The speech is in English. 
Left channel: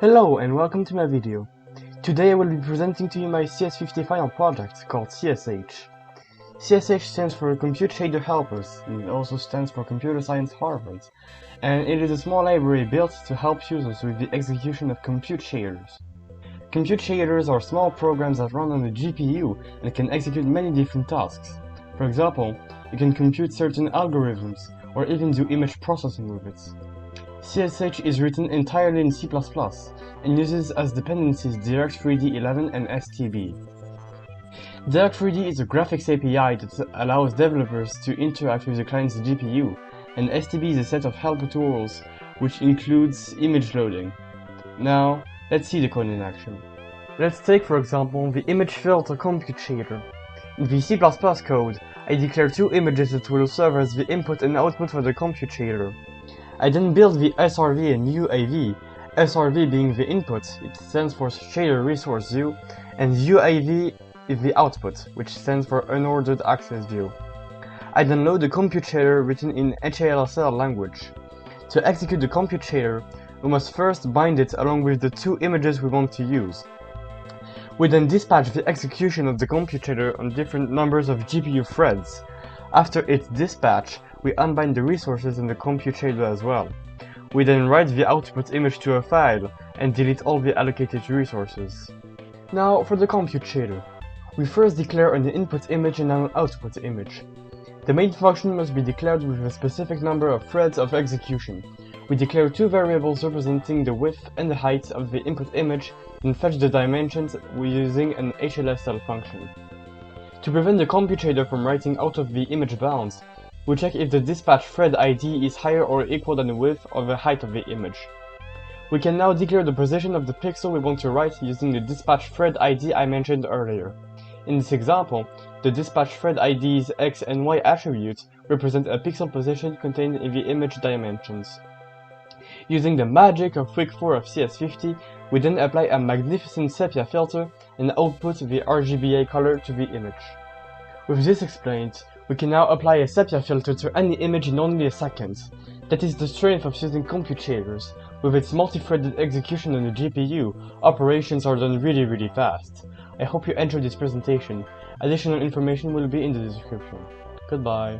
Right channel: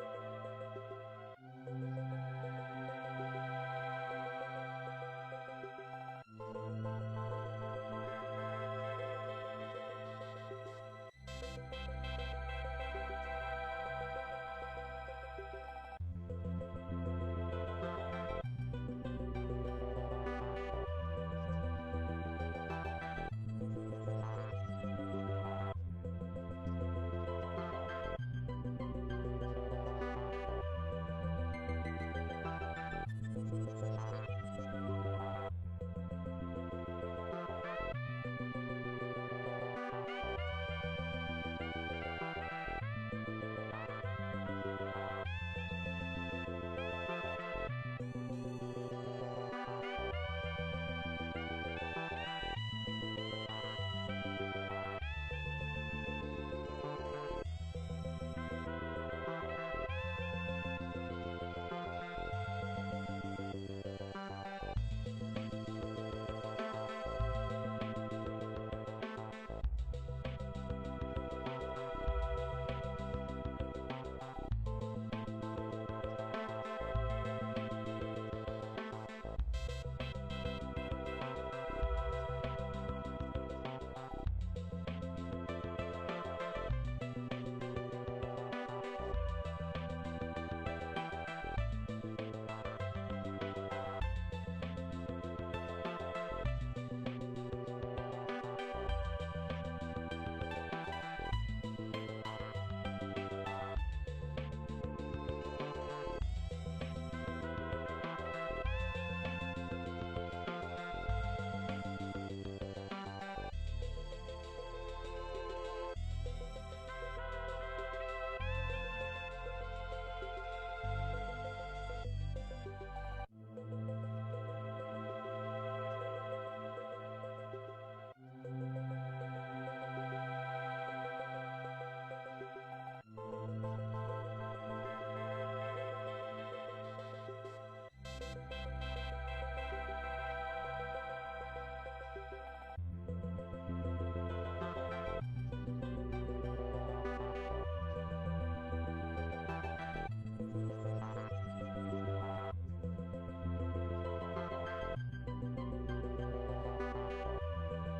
Hello and welcome to my video. Today I will be presenting to you my CS50 final project called CSH. CSH stands for Compute Shader Helpers, and it also stands for Computer Science Harvard, and it is a small library built to help users with the execution of compute shaders. Compute shaders are small programs that run on the GPU and can execute many different tasks. For example, you can compute certain algorithms or even do image processing with it. CSH is written entirely in C++ and uses as dependencies Direct3D11 and STB. Direct3D is a graphics API that allows developers to interact with the client's GPU, and STB is a set of helper tools which includes image loading. Now, let's see the code in action. Let's take for example the image filter compute shader. In the C++ code, I declare two images that will serve as the input and output for the compute shader. I then build the SRV and UAV, SRV being the input, it stands for Shader Resource View, and UAV is the output, which stands for Unordered Access View. I then load the compute shader written in HALSL language. To execute the compute shader, we must first bind it along with the two images we want to use. We then dispatch the execution of the compute shader on different numbers of GPU threads. After its dispatch, we unbind the resources in the compute shader as well. We then write the output image to a file and delete all the allocated resources. Now for the compute shader. We first declare an input image and an output image. The main function must be declared with a specific number of threads of execution. We declare two variables representing the width and the height of the input image and fetch the dimensions using an HLSL function. To prevent the compute shader from writing out of the image bounds, we check if the dispatch thread ID is higher or equal than the width or the height of the image. We can now declare the position of the pixel we want to write using the dispatch thread ID I mentioned earlier. In this example, the dispatch thread ID's X and Y attributes represent a pixel position contained in the image dimensions. Using the magic of week 4 of CS50, we then apply a magnificent sepia filter and output the RGBA color to the image. With this explained, we can now apply a sepia filter to any image in only a second. That is the strength of using compute shaders. With its multi-threaded execution on the GPU, operations are done really fast. I hope you enjoyed this presentation. Additional information will be in the description. Goodbye.